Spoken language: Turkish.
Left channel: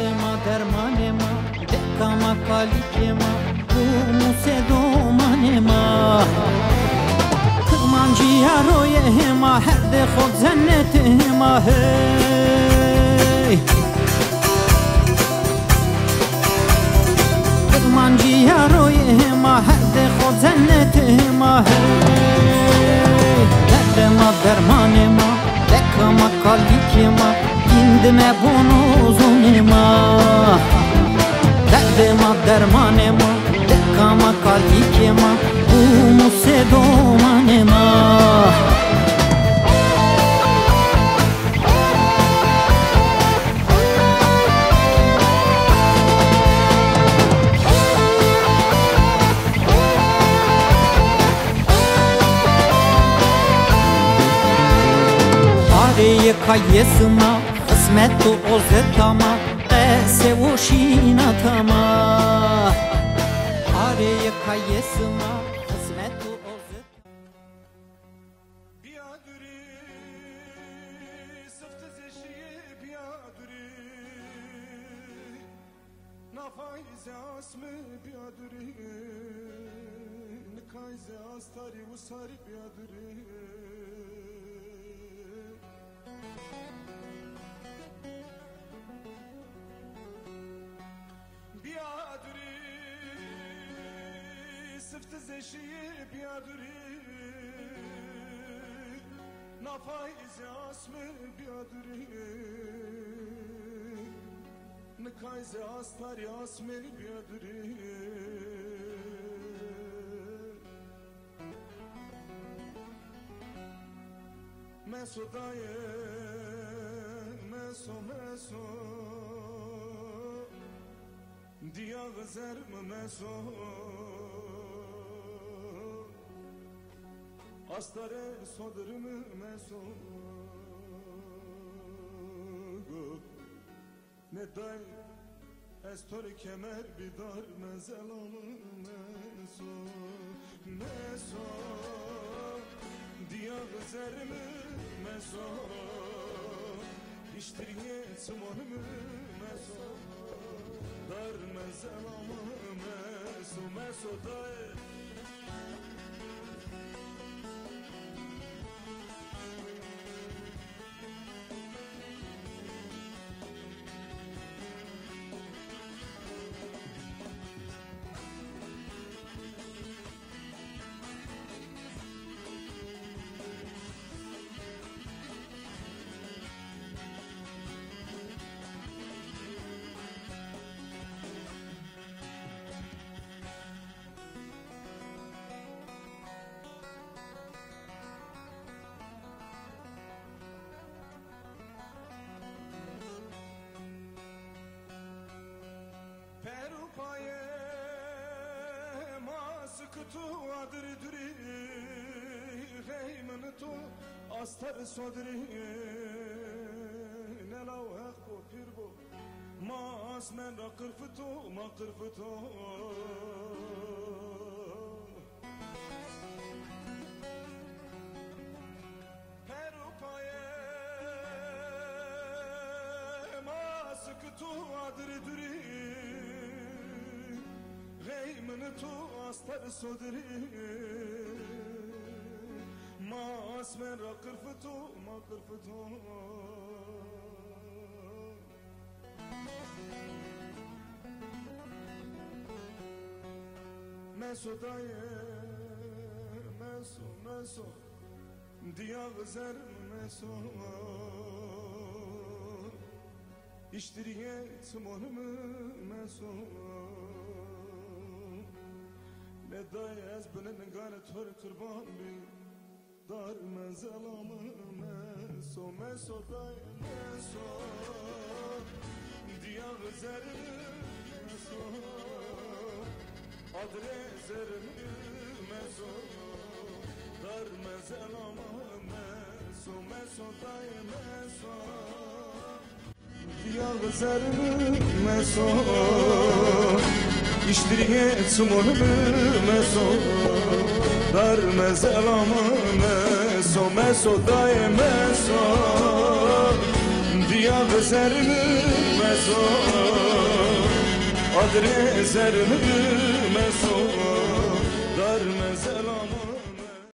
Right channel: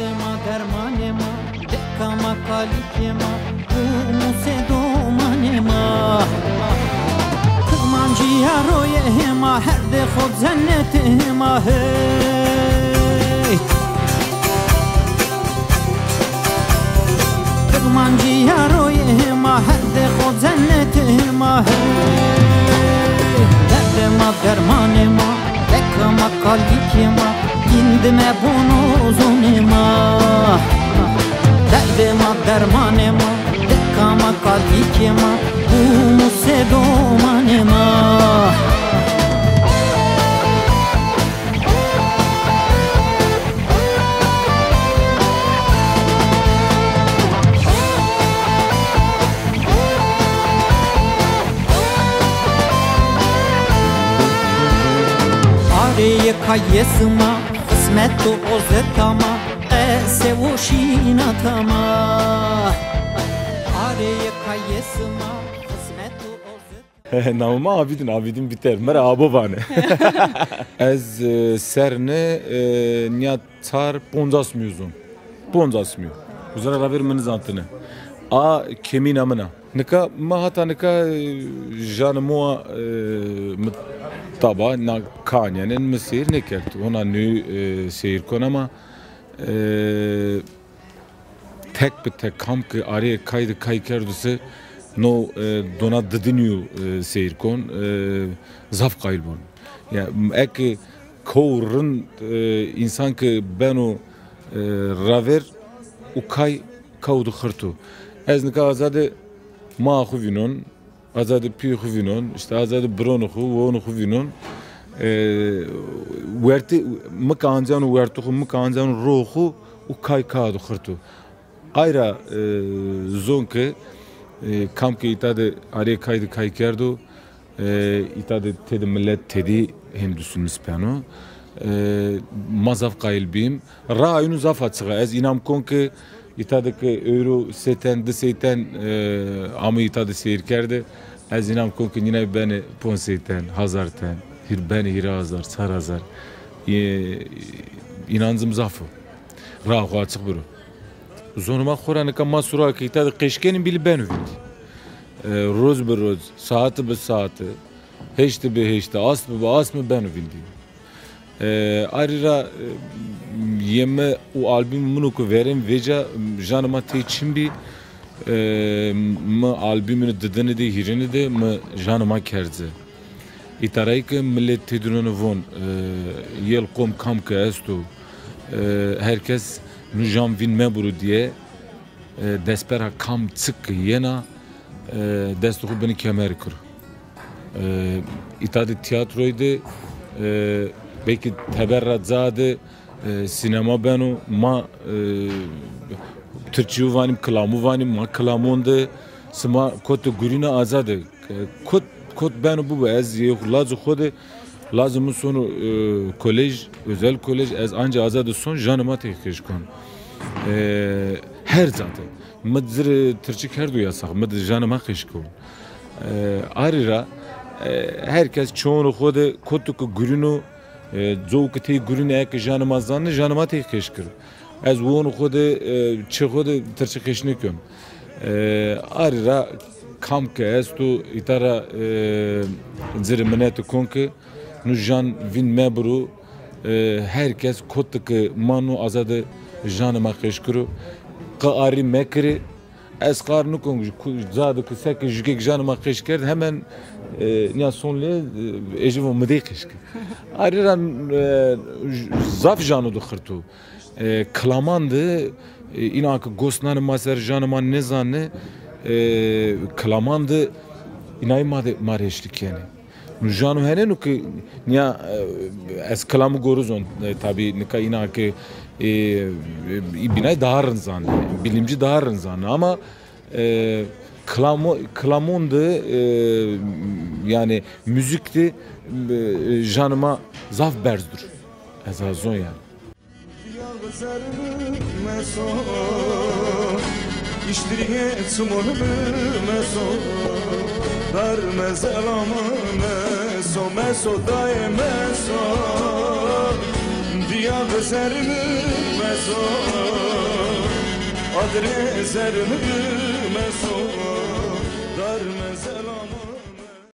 Derdema dermanema Dekama kalikema Bu musedomanema Kırmancıya royehema Her de khod zennetema Hey Kırmancıya royehema Her de khod zennetema Hey Derdema dermanema Dekama kalikema İndime bonozonema Derdema dermanema Dekama kalikema Bu musedomanema Areye kayesıma Kısmet o ozetama Ese o şinatama Areye kayesıma Kısmet o ozetama Navma abidin biter merhaba bana Ez serne niya tar 50 milyon 50 milyon Uzara raver meniz antını A kemin amına Nika ma hata nika janımua Taba na kanyanın mesir ne kert ona nü seyir kon ama tek bir tek kam ki araya kaydı kay kerdüse no dona dıdınıyor seyir kon zaf kayıl bun ya ek kovrun insan ki ben o raver o kay kavdu khırtu ez nika azade ma xuvinon Azade piy xuvinon, işte azade bron xu, won xuvinon. Werti mkancan wertu xu mkancan roxu u kay kadu xırtu. Ayra zonke kamke itade araya kaydı kay kerdu. İtade tedi millet tedi hemdusun mispano. Mazaf kayıl bim. Ra'yunu zaf açığa. Ez inam konke İtadı ki euro seten de seten ama itadı seyir kerde az inam konki yine beni pon seten hazarten hir beni hir hazar sar hazar inancım zafı rahu açık buru zonuma khoranı ka masura ki itadı keşkenin bili beni roz bir roz saati bir saati heşti bir heşti as mı beni bildi ayrıca yeme o albüm bunu ku verim veca janıma te çimbi mı albümünü dıdını de hirini de mı janıma kerze itaray ki millet tedununu von yel kom kam ke estu herkes nujam vin meburu diye despera kam çık yena destuhu beni kemer kur itadı tiyatroydu belki teberrat zade sinema beno ma Türkçe vanim kalamu vanim ma kalamonde sma kot gurina azade kot beno bu ez lazım xode lazım sonu kolej özel kolej ez anca azade son janıma tekiş kon her zaten mıdır Türkçe kerdu yasak mıdır janıma kışkon arira herkes çoğunu xode kotuk gurino Zowk te gurine ek janıma zanne janıma te keşkir. Ez won xode çı xode Türkçe keşnikim. Arira kamke ez tu itara zirmenet konke nu jan vin mebru herkes kotuk manu azade janıma keşkiru. Qari mekri ez qar nukum zade ku sek jikek janıma keşkir hemen niya sonle ejivo mede keşkir. Ayrıca zaf janu du xırtu. Klamandı inak gosnan maser janıman ne zanne klamandı inay mareşlik yani. Janu hene nu ki niya es klamı goruzon tabi nika inak binay daharın zanne bilimci daharın zanne ama klamondu yani müzikti janıma zaf berzdur. Ezazon yani. İştiriye çumunu meso dar mezelamı meso daye meso diya bezerimi meso Adre zermü meso